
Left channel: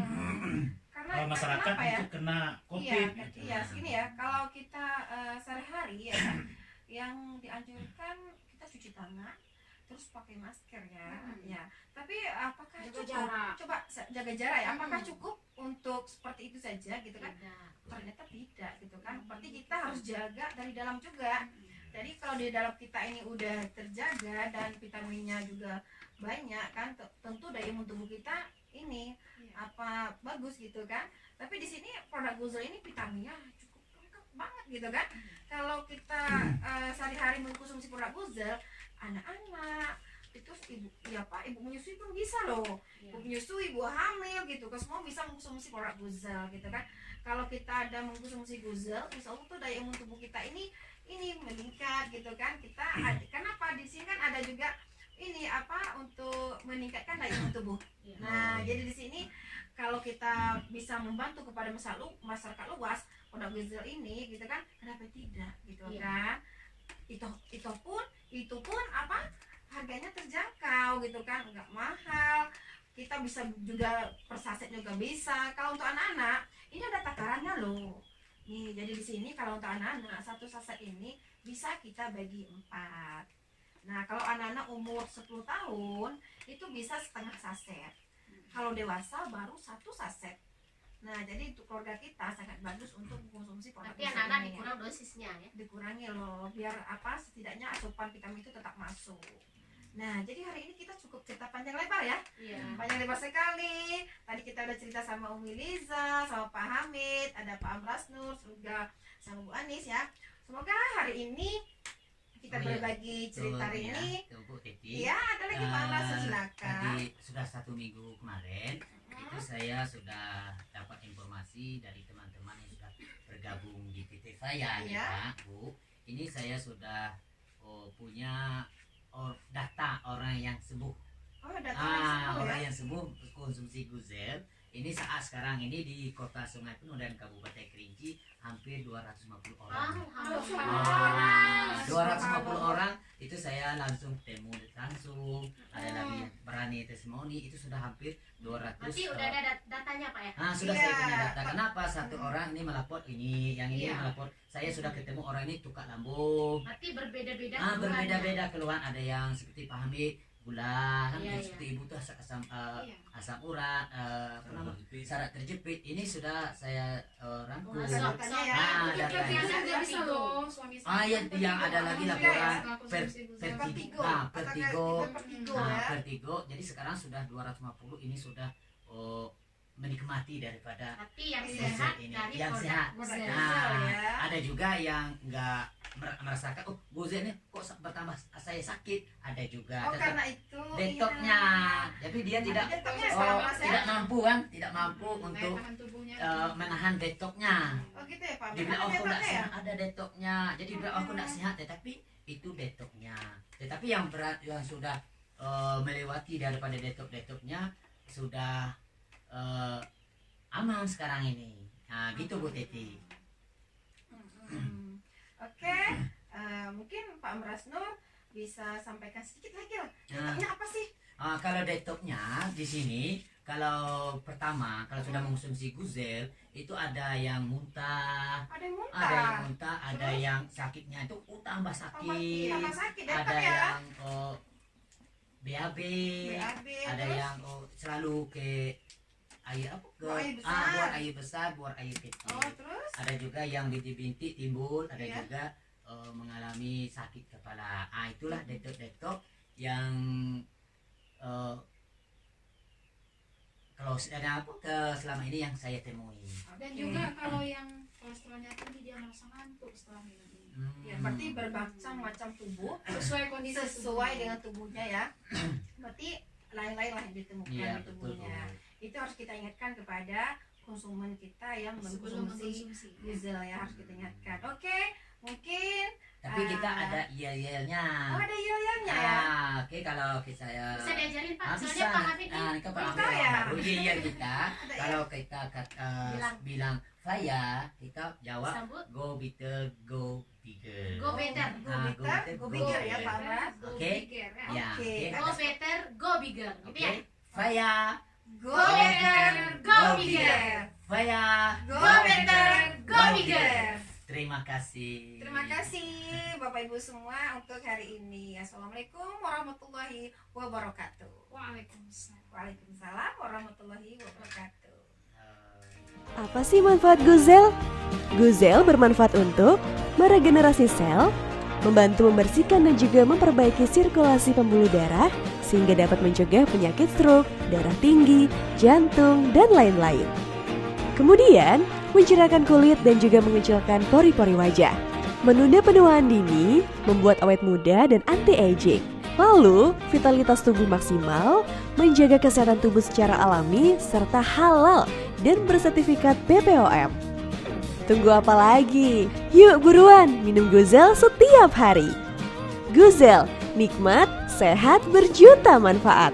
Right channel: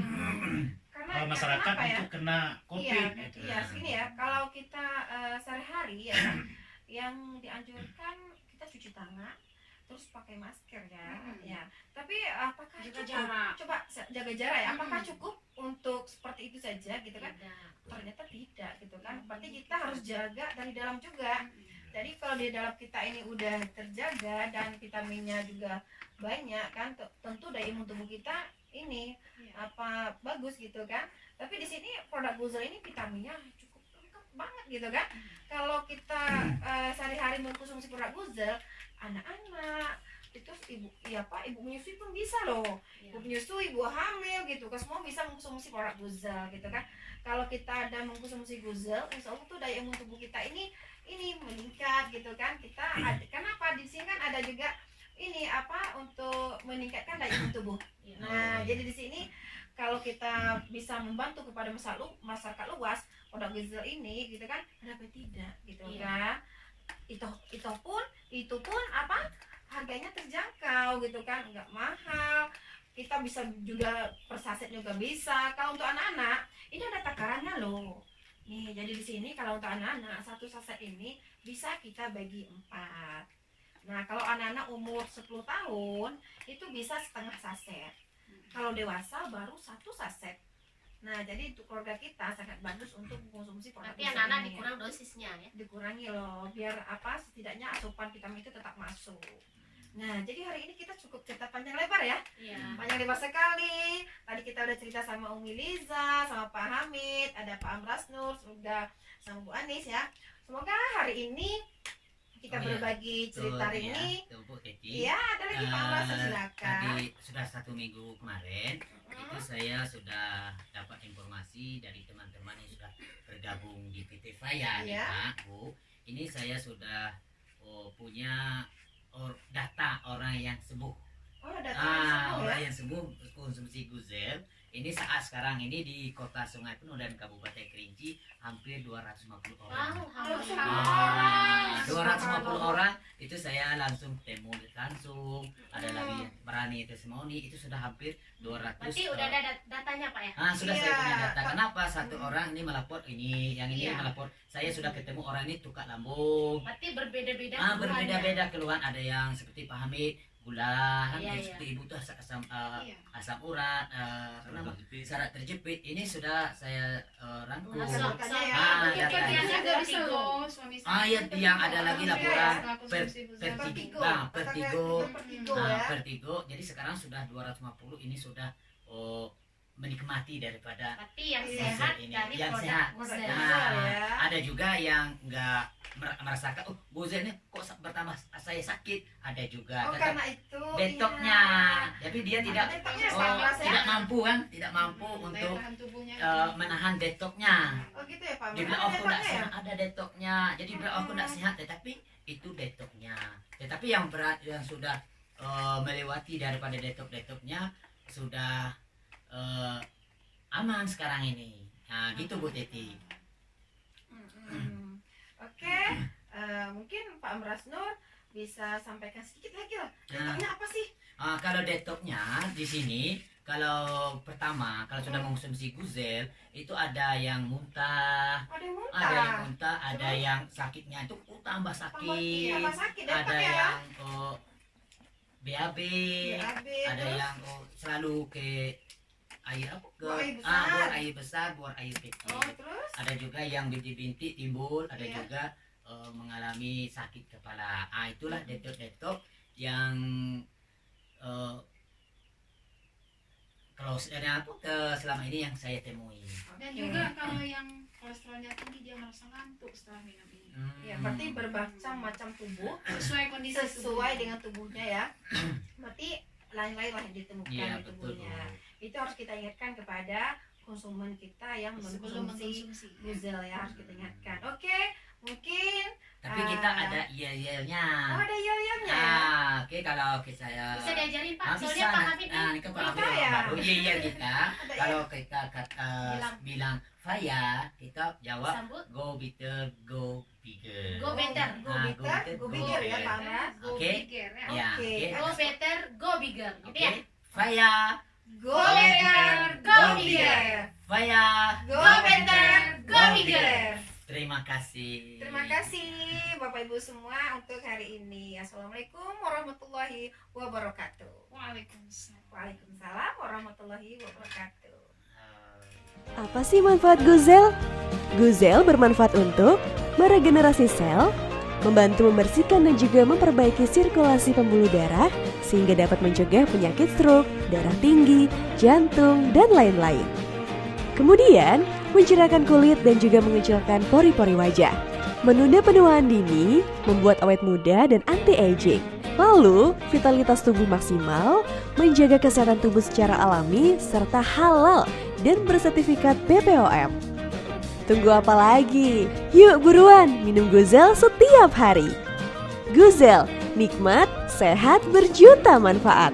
Karena masyarakat kenapa ya? untuk kena Iya, COVID. Gitu. iya, segini ya. Kalau kita sehari-hari ya kan, yang dianjurkan kita cuci tangan, terus pakai masker ya. Ya. Tapi apakah Jaga cukup? jarak. Coba jaga jarak ya. Apakah cukup untuk seperti itu saja gitu kan? Tidak. Ternyata tidak gitu kan. Berarti kita harus jaga dari dalam juga. Jadi kalau di dalam kita ini udah terjaga dan vitaminnya juga banyak kan, tentu daya imun tubuh kita ini Iya. bagus gitu kan. Tapi di sini produk Guzel ini vitaminnya cukup lengkap banget gitu kan. Kalau kita sehari-hari mengkonsumsi produk Guzel, anak-anak itu ibu menyusui pun bisa loh. Iya. Ibu menyusui, ibu hamil gitu kan, semua bisa mengkonsumsi produk Guzel gitu kan. Kalau kita ada mengkonsumsi Guzel, insya Allah tuh daya imun tubuh kita ini meningkat gitu kan. Kenapa di sini kan ada juga ini untuk meningkatkan daya imun tubuh. Iya. Nah, jadi di sini kalau kita bisa membantu kepada masyarakat luas produk Guzel ini gitu kan, kenapa tidak gitu Iya. kan. Itu pun harganya terjangkau gitu kan, enggak mahal. Kita bisa juga per saset juga bisa. Kalau untuk anak-anak ini ada takarannya loh. Nih, jadi di sini kalau untuk anak-anak satu saset ini bisa kita bagi 4. Nah, kalau anak-anak umur 10 tahun itu bisa setengah saset. Kalau dewasa baru 1 saset. Nah, jadi untuk keluarga kita sangat bagus untuk mengkonsumsi produk Tapi Guzel anak-anak ini ya. dikurang dosisnya ya. Dikurangi loh, biar setidaknya asupan vitamin itu tetap masuk. Nah, jadi hari ini kita cukup cerita panjang lebar ya. Iya. Panjang lebar sekali. Tadi kita udah cerita sama Umi Liza, sama Pak Hamid, ada Pak Amras Nur, juga sama Bu Anis ya. Semoga hari ini kita Oh, iya. berbagi cerita hari Betul, ini. ya. Tuh, Bu Titi. Iya, ada lagi Pak Amras, silakan. Tadi sudah 1 minggu kemarin itu saya sudah dapat informasi dari teman-teman yang sudah bergabung di PT saya nih Iya. Pak Bu. Ini saya sudah punya data orang yang sembuh. Oh, ada tulisan Orang ya. yang sembuh konsumsi Guzel. Ini saat sekarang ini di Kota Sungai Penuh dan Kabupaten Kerinci hampir 250 orang. Alhamdulillah. 250 orang itu saya langsung temu langsung. Ada lagi yang berani testimoni itu sudah hampir 200. Berarti udah ada datanya Pak ya? Sudah Iya, saya punya data. Pak. Kenapa satu orang ini melapor ini, yang ini Iya. melapor. Saya sudah ketemu orang ini tukar lambung. Berarti berbeda-beda keluhannya. Berbeda-beda keluhan. Ada yang seperti Pak Hamid gula, kan Iya, seperti ibu tuh asam Iya. asam urat, apa nama? Syarat terjepit. Ini sudah saya rangkum. Masuk. So, ya. Ah, Untuk datanya. kerjanya nggak bisa Vertigo. loh suami Iya, yang ada lagi laporan Setelah konsumsi Guzel. vertigo. Vertigo. Vertigo. Vertigo Nah, ya. vertigo. Jadi sekarang sudah 250 ini sudah menikmati daripada berarti yang Iya. sehat Ini, dari yang produk sehat. Guzel. Produk Nah, Guzel ya. ada juga yang enggak merasakan Guzel ini kok bertambah saya sakit. Ada juga Oh, tetap karena itu detoknya. iya. Tapi dia tidak Detoknya sekarang ya. tidak mampu kan? Tidak mampu Daya untuk tahan tubuhnya menahan detoknya. Oh gitu ya Pak. Dia bilang, Ada aku nggak detoknya ya? sehat, ada detoknya. Jadi bilang, aku nggak sehat, tetapi itu detoknya. Tetapi yang berat, yang sudah melewati daripada detok-detoknya, sudah aman sekarang ini. Nah, gitu Bu Teti. Oke, mungkin Pak Amrasnur bisa sampaikan sedikit lagi lah. Nah, Detoxnya apa sih? kalau detoxnya di sini, kalau pertama kalau sudah mengkonsumsi Guzel itu ada yang muntah, Ada yang muntah. ada yang muntah, ada Terus? yang sakitnya itu tambah sakit, Tambah sakit, ada detox ya. yang BAB, BAB, ada terus? yang selalu ke air apa ke Buang air besar. buang air besar, buang air kecil. Oh, terus? Ada juga yang bintik-bintik timbul, ada Iya. juga mengalami sakit kepala. Itulah detox yang kalau selama ini yang saya temui. Dan Oke. juga kalau yang kolesterolnya tinggi dia merasa ngantuk setelah minum ini. Ya, berarti bermacam-macam tubuh Sesuai kondisi sesuai tubuhnya. dengan tubuhnya ya. Berarti lain-lain lah yang ditemukan Iya, di betul. tubuhnya. Itu harus kita ingatkan kepada konsumen kita yang Sebelum mengkonsumsi mengkonsumsi. Guzel ya, harus kita ingatkan. Oke, mungkin Tapi kita ada yel-yelnya. ada yel-yelnya ya. Oke, kalau saya Bisa diajarin Pak, Nah, soalnya bisa. Pak Hamid Nah, nih ini kan Pak belum Hamid tahu orang ya. baru. Iya kita. Ada Kalau kita bilang Faya, kita jawab sambut go bitter, go bigger. Go better. Nah, Go better, go bigger ya Pak Amras. Go Oke. bigger ya. Ya, Oke. oke. go better, go bigger gitu Oke. ya. Faya, Go better, go go bigger. bigger. Faya. Go Go better, better, go bigger. Terima kasih. Terima kasih Bapak Ibu semua untuk hari ini. Assalamualaikum warahmatullahi wabarakatuh. Waalaikumsalam. Waalaikumsalam warahmatullahi wabarakatuh. Apa sih manfaat Guzel? Guzel bermanfaat untuk meregenerasi sel, membantu membersihkan dan juga memperbaiki sirkulasi pembuluh darah sehingga dapat mencegah penyakit stroke, darah tinggi, jantung, dan lain-lain. Kemudian, mencerahkan kulit dan juga mengecilkan pori-pori wajah. Menunda penuaan dini, membuat awet muda dan anti-aging. Lalu, vitalitas tubuh maksimal, menjaga kesehatan tubuh secara alami, serta halal dan bersertifikat BPOM. Tunggu apa lagi? Yuk buruan minum Guzel setiap hari. Guzel, nikmat, sehat, berjuta manfaat.